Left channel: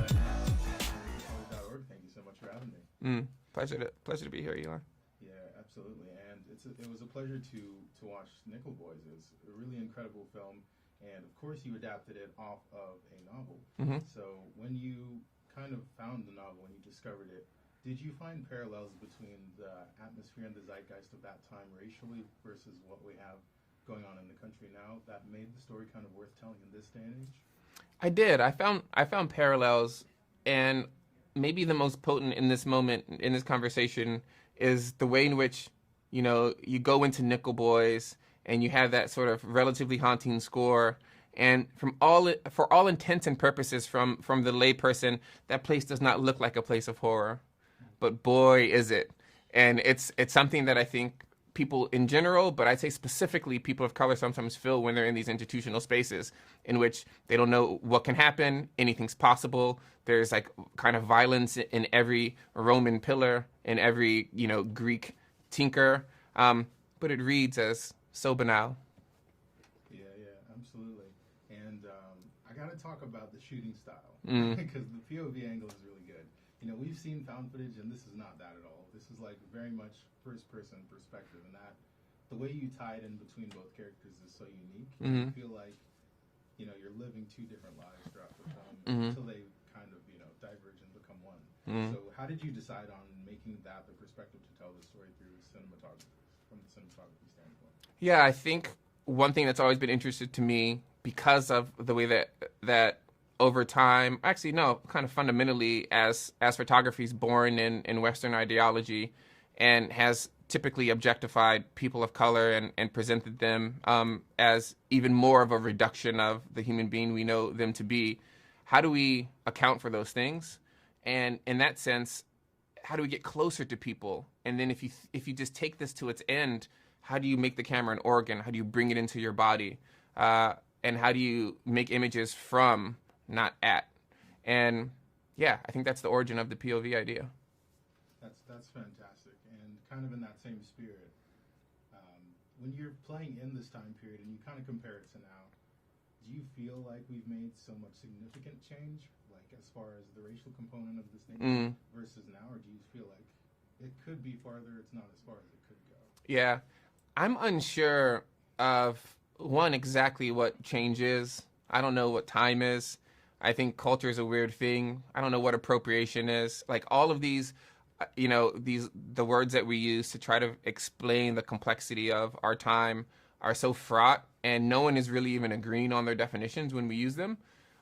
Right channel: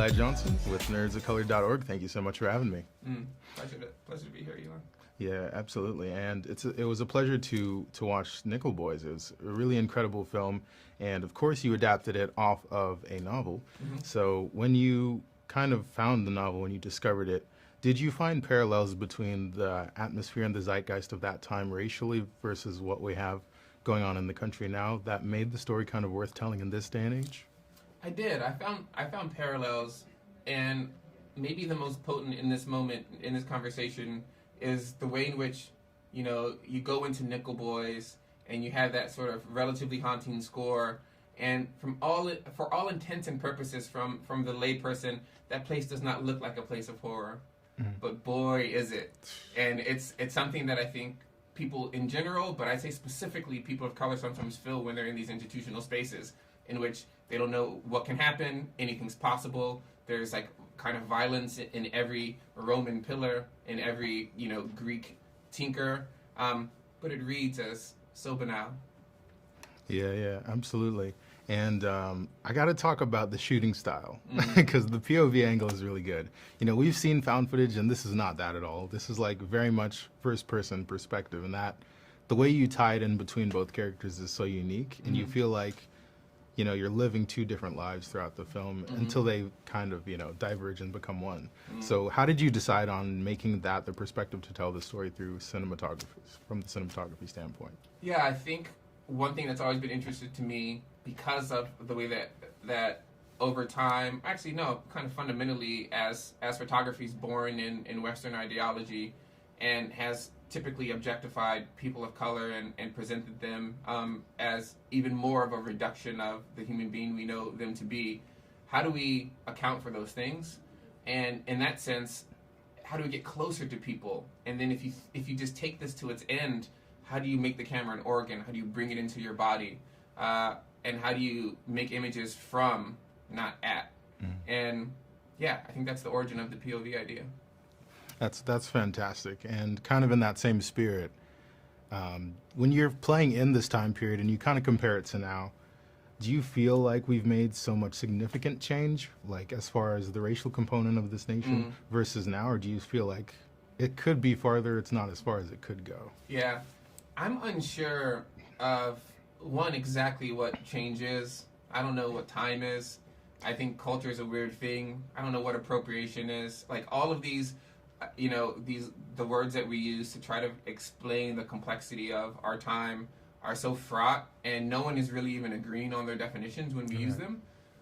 Eli Johnson with nerdsofcolor.org. Thank you so much for having me. Pleasure to be here, Eli. Yeah, absolutely. And it was a pleasure to watch Nickel Boys. It was a really incredible film. And of course, you adapted it off of a novel. So when you kind of found the novel, when you discovered it, did you find parallels between the atmosphere and the zeitgeist of that time racially versus what we have going on in the country now that made the story kind of worth telling in this day and age? I did. I found parallels, and maybe the most potent in this moment, in this conversation, is the way in which, you go into Nickel Boys and you have that sort of relatively haunting score, and for all intents and purposes, from the layperson, that place does not look like a place of horror, but boy is it, and it's something that I think people in general, but I'd say specifically people of color, sometimes feel when they're in these institutional spaces in which they don't know what can happen, anything's possible. There's like kind of violence in every Roman pillar, in every, Greek tinker, but it reads as so banal. Yeah, absolutely. And I got to talk about the shooting style because the POV angle is really good. We've seen found footage, and this is not that at all. This is like very much first-person perspective, and that the way you tie it in between both characters is so unique, and you feel like you're living two different lives throughout the film until they kind of diverge and become one. So how did you decide on making that the perspective to tell the story through cinematography, from the cinematography standpoint? Yeah, I think one thing that's always been interesting to me, because of the way that over time, actually no, kind of fundamentally, as photography is born in Western ideology and has typically objectified people of color and presented them as even more of a reduction of the human being we know them to be. How do we account for those things? And in that sense, how do we get closer to people? And then if you just take this to its end, how do you make the camera an organ? How do you bring it into your body? And how do you make images from, not at? And yeah, I think that's the origin of the POV idea. That's fantastic. And kind of in that same spirit, when you're playing in this time period and you kind of compare it to now, do you feel like we've made so much significant change, like as far as the racial component of this nation versus now, or do you feel like it could be farther, it's not as far as it could go? Yeah, I'm unsure of, one, exactly what change is. I don't know what time is. I think culture is a weird thing. I don't know what appropriation is. Like all of these, the words that we use to try to explain the complexity of our time are so fraught, and no one is really even agreeing on their definitions when we use them.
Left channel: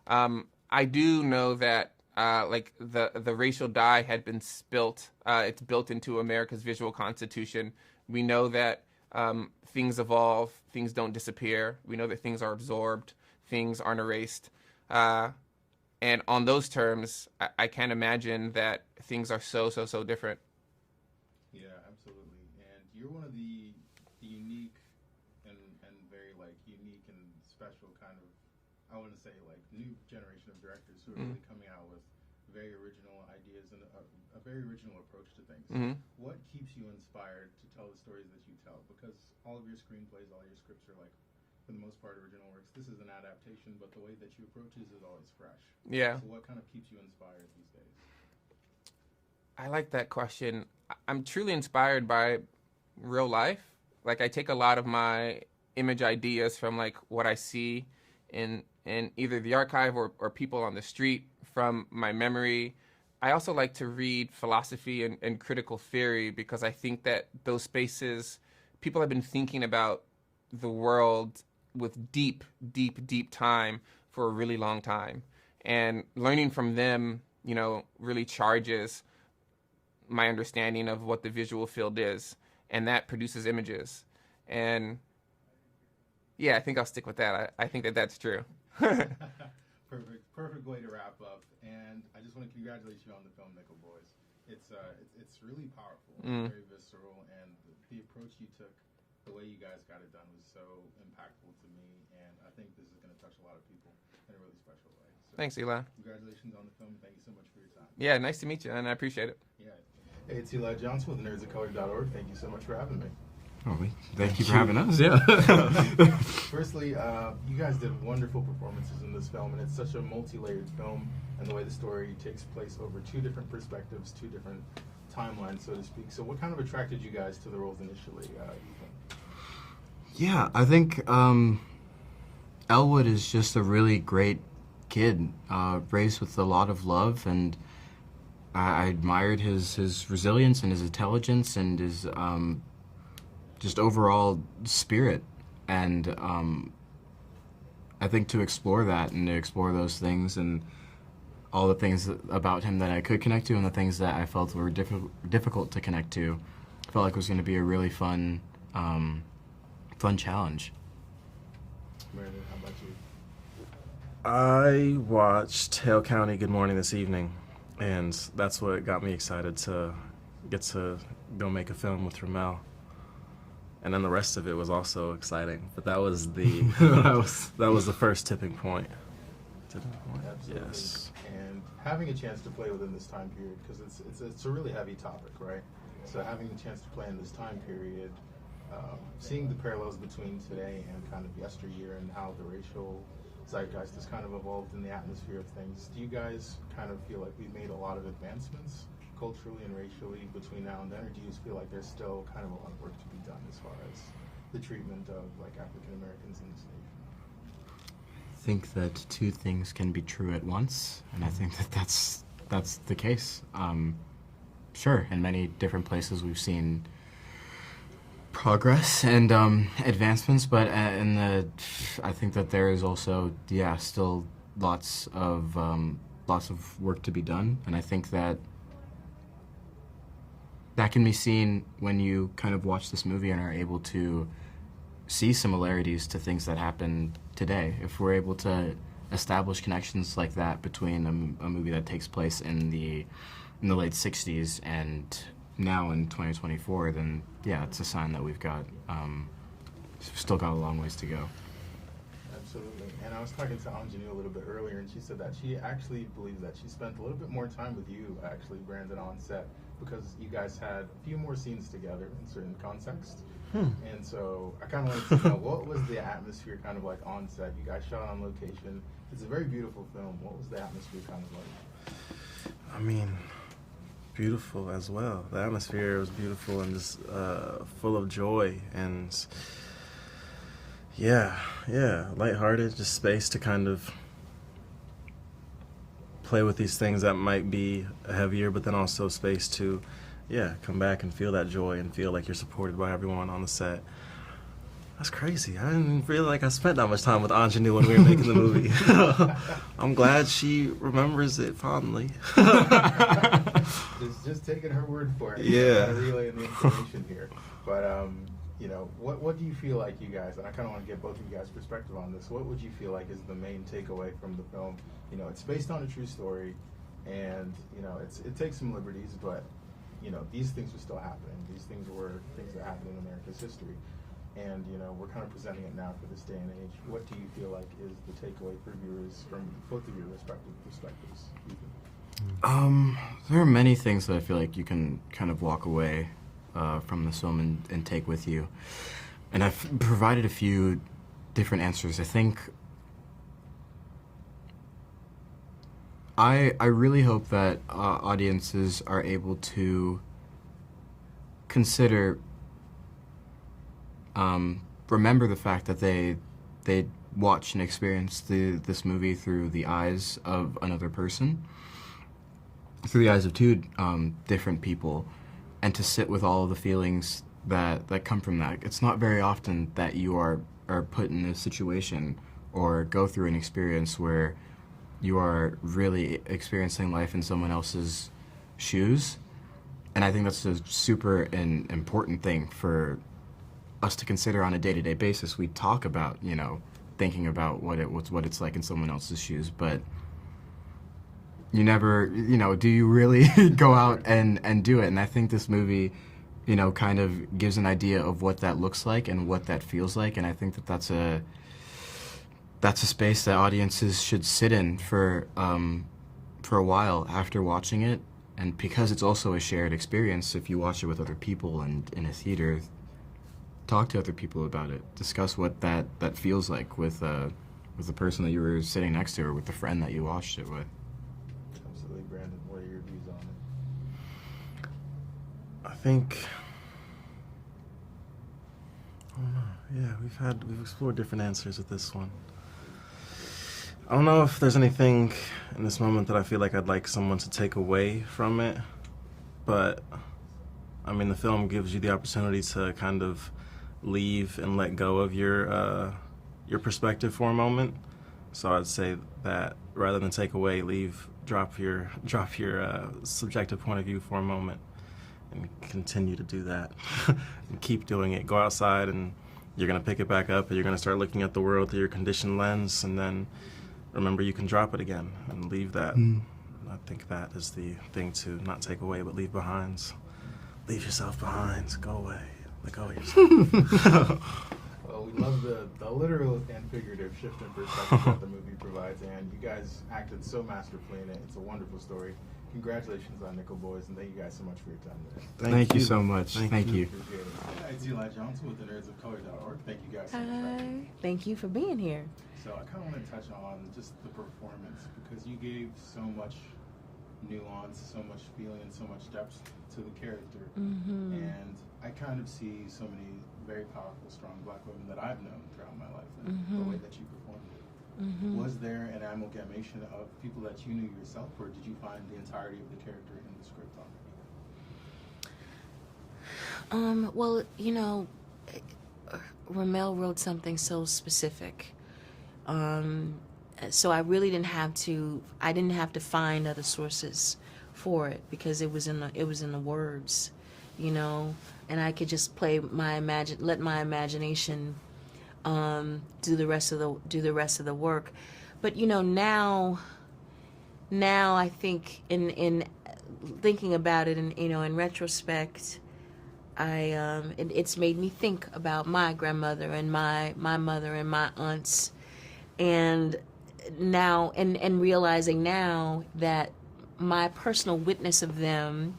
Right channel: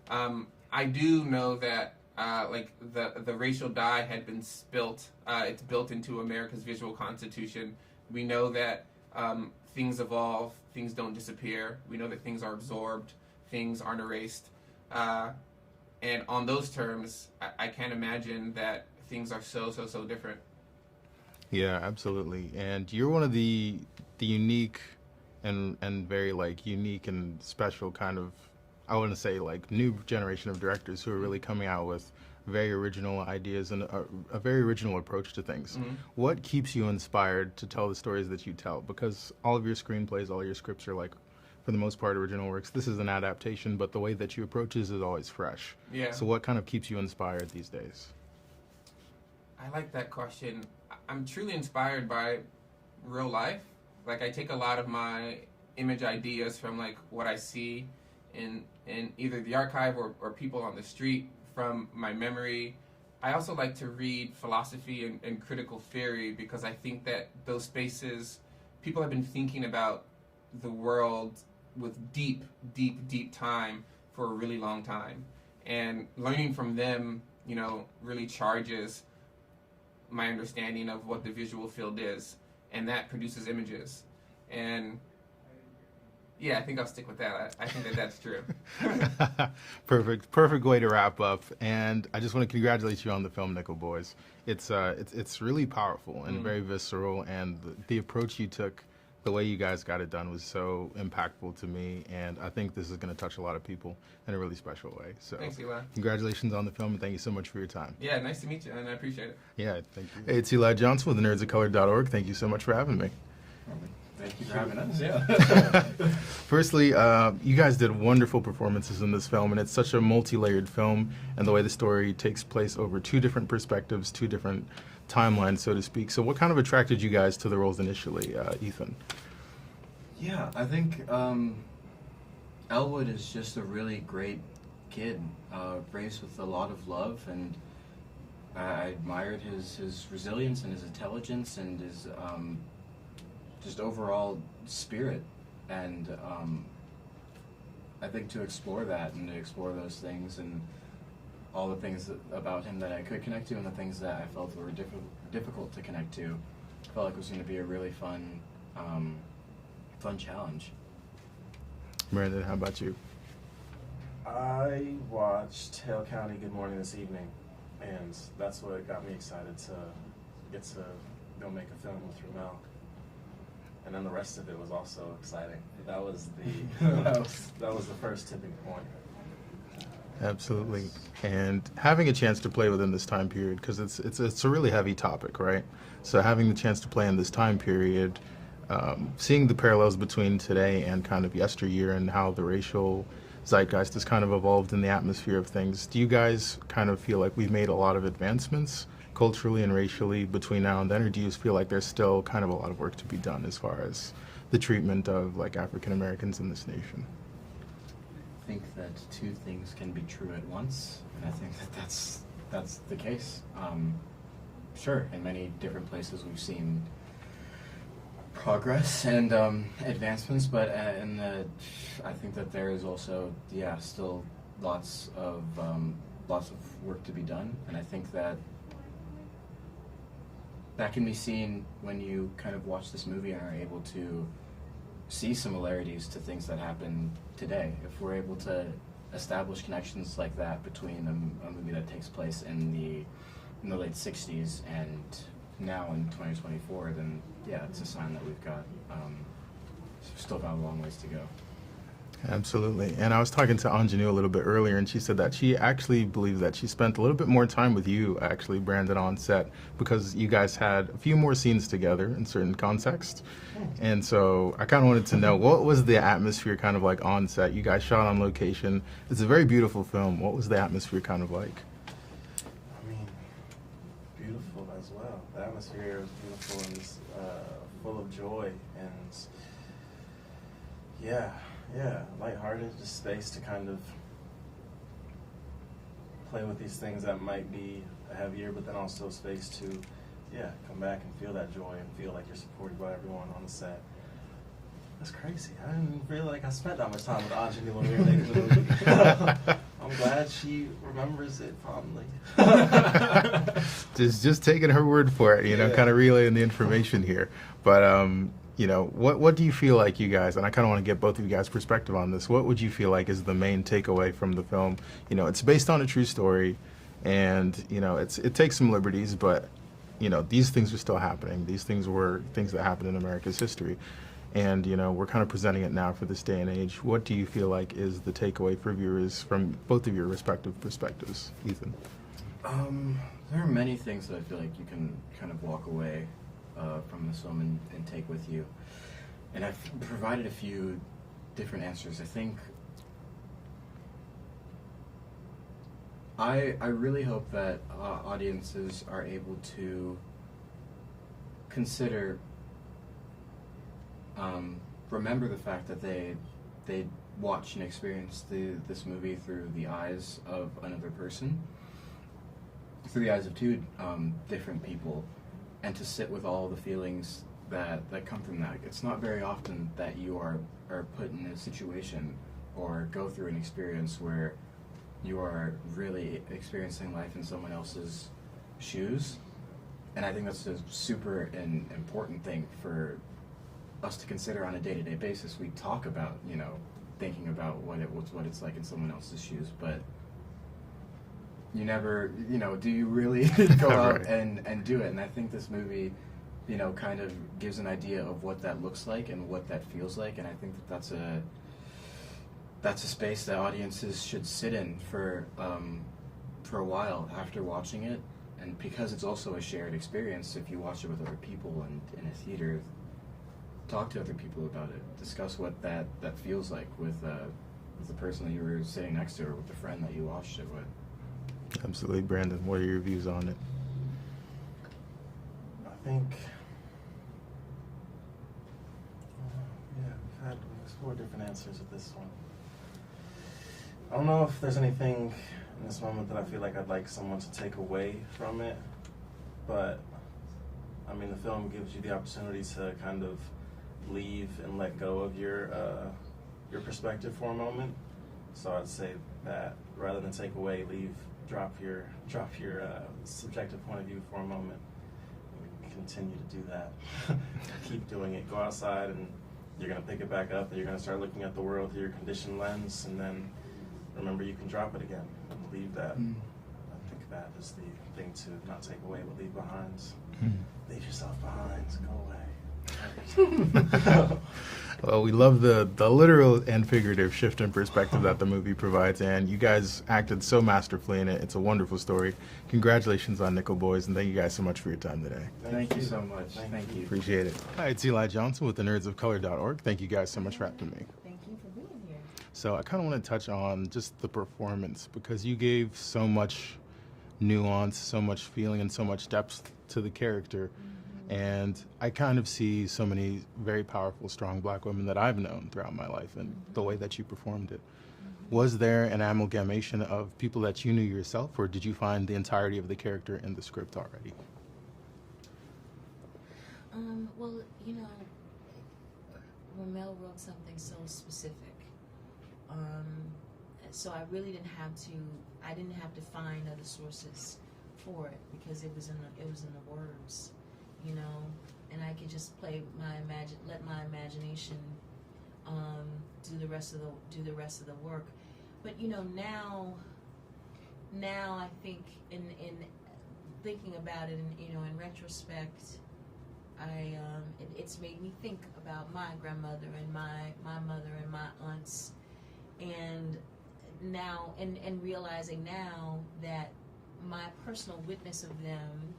I do know that the racial dye had been spilt. It's built into America's visual constitution. We know that things evolve, things don't disappear. We know that things are absorbed, things aren't erased. And on those terms, I can't imagine that things are so different. Yeah, absolutely. And you're one of the unique and very unique and special kind of, I want to say new generation of directors who are really coming out with very original ideas and a very original approach to things. What keeps you inspired to tell the stories that you tell? Because all of your screenplays, all your scripts are for the most part, original works. This is an adaptation, but the way that you approach it is always fresh. Yeah. So what kind of keeps you inspired these days? I like that question. I'm truly inspired by real life. I take a lot of my image ideas from what I see in either the archive or people on the street, from my memory. I also like to read philosophy and critical theory, because I think that those spaces, people have been thinking about the world with deep time for a really long time. And learning from them, really charges my understanding of what the visual field is. And that produces images. And yeah, I think I'll stick with that. I think that's true. Perfect way to wrap up. And I just want to congratulate you on the film Nickel Boys. It's really powerful and very visceral, and the approach you took, the way you guys got it done was so impactful to me, and I think this is going to touch a lot of people in a really special way. So thanks, Eli. Congratulations on the film, and thank you so much for your time. Yeah, nice to meet you, and I appreciate it. Yeah, thank you. Hey, it's Eli Johnson with nerdsofcolor.org. Thank you so much for having me. Oh, thank you for having us. Yeah. Firstly, you guys did wonderful performances in this film, and it's such a multi-layered film, and the way the story takes place over two different perspectives, two different timelines, so to speak. So what kind of attracted you guys to the roles initially, Ethan? Yeah, I think Elwood is just a really great kid, raised with a lot of love, and I admired his resilience and his intelligence and his just overall spirit. And I think to explore that and to explore those things and all the things about him that I could connect to and the things that I felt were difficult to connect to, I felt like it was going to be a really fun challenge. Brandon, how about you? I watched Hale County Good Morning this evening, and that's what got me excited to get to go make a film with RaMell. And then the rest of it was also exciting, but that was the that was the first tipping point. Absolutely. Yes. And having a chance to play within this time period, because it's a really heavy topic, right? So having the chance to play in this time period, seeing the parallels between today and kind of yesteryear and how the racial zeitgeist has kind of evolved in the atmosphere of things, do you guys kind of feel like we've made a lot of advancements culturally and racially between now and then, or do you feel like there's still kind of a lot of work to be done as far as the treatment of like African Americans in this nation? I think that two things can be true at once, and I think that that's the case. Sure, in many different places we've seen progress and advancements, but I think that there is also still lots of work to be done, and I think that can be seen when you kind of watch this movie and are able to see similarities to things that happen today. If we're able to establish connections like that between a movie that takes place in the late 60s and now in 2024, then yeah, it's a sign that we've still got a long ways to go. Absolutely. And I was talking to Aunjanue a little bit earlier, and she said that she actually believes that she spent a little bit more time with you, actually, Brandon, on set, because you guys had a few more scenes together in certain contexts. And so I kind of wanted to know, what was the atmosphere kind of like on set? You guys shot on location. It's a very beautiful film. What was the atmosphere kind of like? I mean, beautiful as well. The atmosphere was beautiful and just full of joy and yeah, lighthearted, just space to kind of play with these things that might be heavier, but then also space to, come back and feel that joy and feel like you're supported by everyone on the set. That's crazy. I didn't feel like I spent that much time with Aunjanue when we were making the movie. I'm glad she remembers it fondly. just taking her word for it, you know, kind of relaying the information here. But you know, what do you feel like, you guys, and I kind of want to get both of you guys' perspective on this, what would you feel like is the main takeaway from the film? You know, it's based on a true story, and, you know, it takes some liberties, but, you know, these things are still happening. These things were things that happened in America's history. And, you know, we're kind of presenting it now for this day and age. What do you feel like is the takeaway for viewers from both of your respective perspectives? Ethan? There are many things that I feel like you can kind of walk away from this film and take with you. And I've provided a few different answers. I think I really hope that audiences are able to consider, remember the fact that they watch and experience this movie through the eyes of another person, through the eyes of two different people, and to sit with all of the feelings that come from that. It's not very often that you are put in a situation or go through an experience where you are really experiencing life in someone else's shoes. And I think that's a super important thing for us to consider on a day-to-day basis. We talk about, you know, thinking about what it's like in someone else's shoes, but you never, you know, do you really go out and do it? And I think this movie, you know, kind of gives an idea of what that looks like and what that feels like. And I think that that's a space that audiences should sit in for a while after watching it. And because it's also a shared experience, if you watch it with other people and in a theater, talk to other people about it. Discuss what that feels like with the person that you were sitting next to, or with the friend that you watched it with. Absolutely. Brandon, what are your views on it? I think, I don't know. Yeah, we've explored different answers with this one. I don't know if there's anything in this moment that I feel like I'd like someone to take away from it, but I mean, the film gives you the opportunity to kind of leave and let go of your perspective for a moment. So I'd say that rather than take away, leave, drop your subjective point of view for a moment, and continue to do that. Keep doing it. Go outside, and you're gonna pick it back up, and you're gonna start looking at the world through your conditioned lens, and then remember you can drop it again and leave that. I think that is the thing to not take away, but leave behind. Leave yourself behind. Go away. Go yourself. Well, we love the literal and figurative shift in perspective that the movie provides, and you guys acted so masterfully in it. It's a wonderful story. Congratulations on Nickel Boys, and thank you guys so much for your time today. Thank you so much. Thank you. Appreciate it. Hi, it's Eli Johnson with the nerdsofcolor.org. Thank you guys so much for having me. Thank you for being here. So I kind of want to touch on just the performance, because you gave so much nuance, so much feeling, and so much depth to the character. And I kind of see so many very powerful, strong black women that I've known throughout my life, and the way that you performed it. Was there an amalgamation of people that you knew yourself, or did you find the entirety of the character in the script already? Well, you know, RaMell wrote something so specific. So I really didn't have to find other sources for it, because it was in the words, you know, and I could just let my imagination do the rest of the work. But you know, now I think in thinking about it, and you know, in retrospect, it's made me think about my grandmother and my mother and my aunts, and now and realizing now that my personal witness of them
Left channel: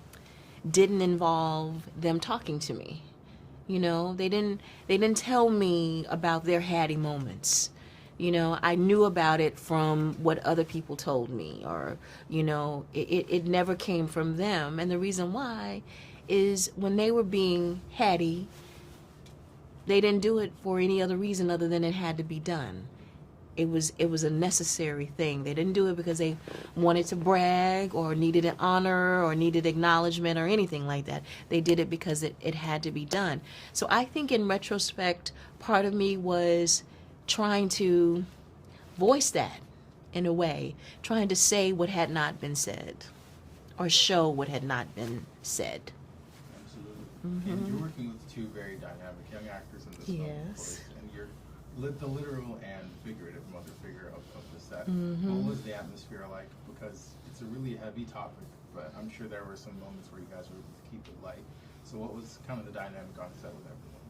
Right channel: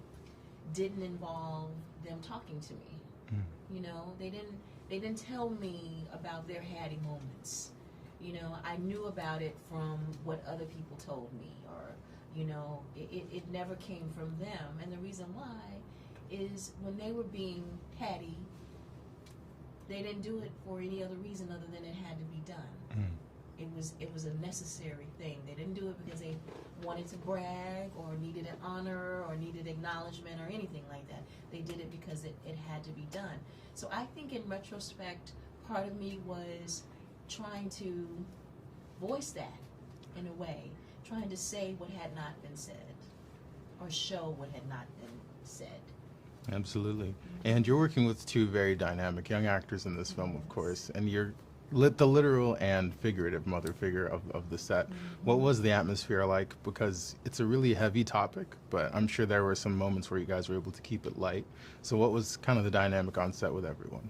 didn't involve them talking to me. You know, they didn't tell me about their hattie moments. You know, I knew about it from what other people told me, or, you know, it never came from them. And the reason why is when they were being hattie, they didn't do it for any other reason other than it had to be done. It was a necessary thing. They didn't do it because they wanted to brag or needed an honor or needed acknowledgement or anything like that. They did it because it had to be done. So I think in retrospect, part of me was trying to voice that in a way, trying to say what had not been said or show what had not been said. Absolutely. And you're working with two very dynamic young actors in this film, of Yes. course, and you're the literal and figurative mother figure of the set. What was the atmosphere like? Because it's a really heavy topic, but I'm sure there were some moments where you guys were able to keep it light. So what was kind of the dynamic on set with everyone?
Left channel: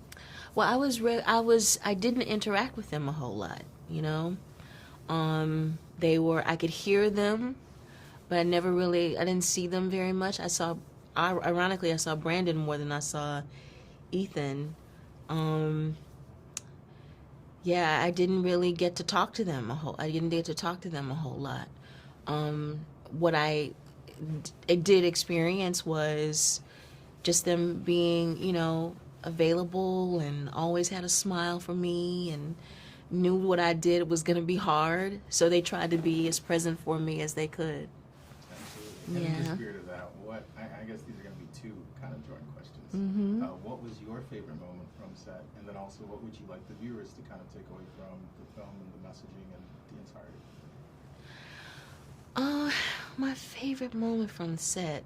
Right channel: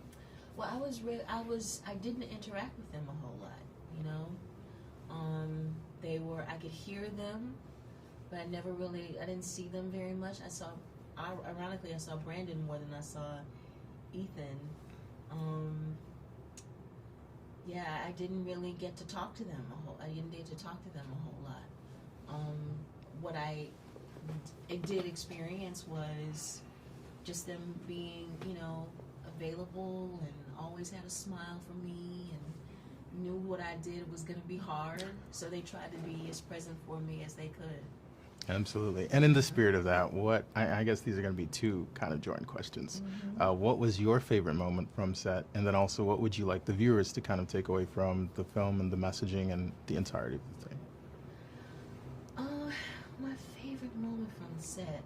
Well, I didn't interact with them a whole lot, you know. I could hear them, but I didn't see them very much. Ironically, I saw Brandon more than I saw Ethan. Yeah, I didn't really get to talk to them a whole lot. What I did experience was just them being, you know, available and always had a smile for me and knew what I did was going to be hard. So they tried to be as present for me as they could. Absolutely. And in the spirit of that, I guess these are going to be two kind of joint questions. What was your favorite moment from set? And then also, what would you like the viewers to kind of take away from the film and the messaging and the entirety of the thing? My favorite moment from the set,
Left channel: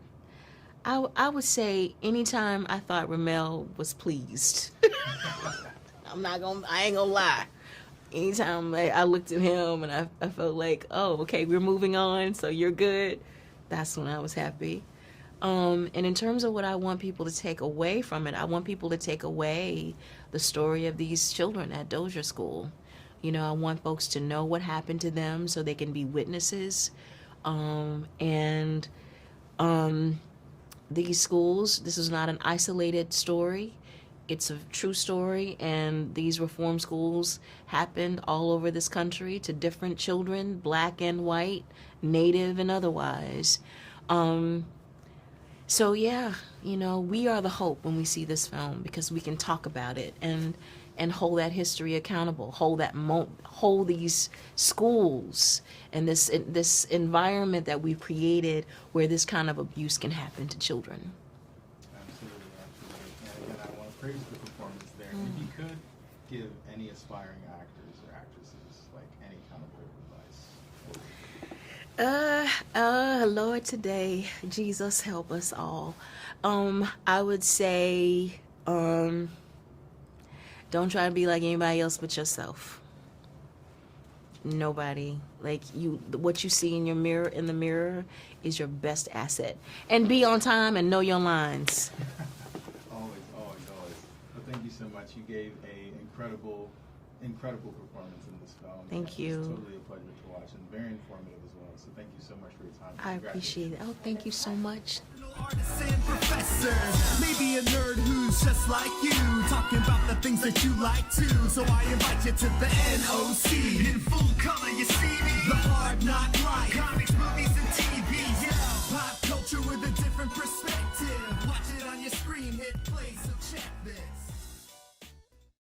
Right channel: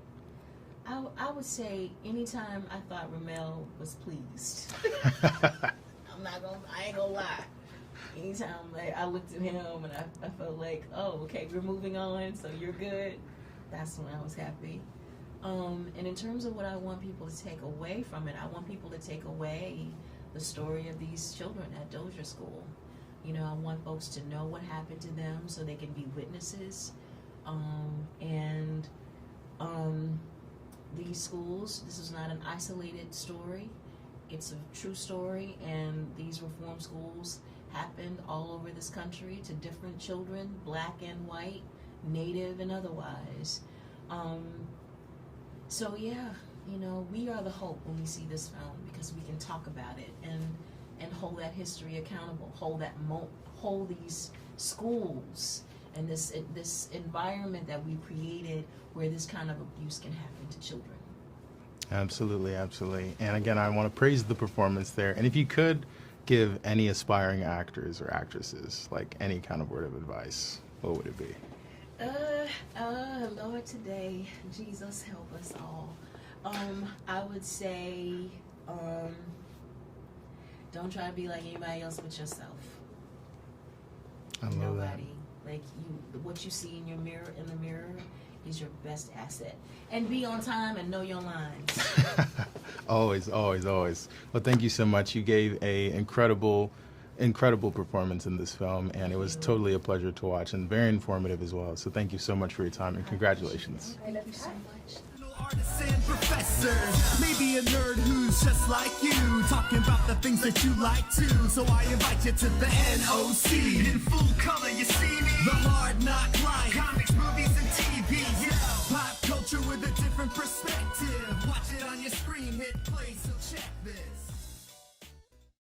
I would say anytime I thought RaMell was pleased. I ain't gonna lie. Anytime I looked at him and I felt like, oh, okay, we're moving on, so you're good. That's when I was happy. And in terms of what I want people to take away from it, I want people to take away the story of these children at Dozier School. You know, I want folks to know what happened to them so they can be witnesses. These schools, this is not an isolated story. it's a true story, and these reform schools happened all over this country to different children, black and white, native and otherwise. So yeah, you know, we are the hope when we see this film, because we can talk about it and hold that history accountable, hold these schools and this environment that we've created where this kind of abuse can happen to children. Absolutely, absolutely. And again, I want to praise the performance there. And if you could give any aspiring actors or actresses like any kind of word of advice, what would it be? Lord, today, Jesus help us all. I would say, don't try to be like anybody else but yourself. Nobody. Like what you see in the mirror is your best asset. And be on time and know your lines. Always, always, always. Well, thank you so much. You gave a incredible performance in this film, and it was totally a pleasure to watch and very informative as well. So thank you so much for your time, and congratulations. Oh, thank you so much. Artists and professors, maybe a nerd who's just like you, talking about the things that you like too. So I invite you to the NOC. In full color, you see me. The hard knock life, comics, movies, and TV.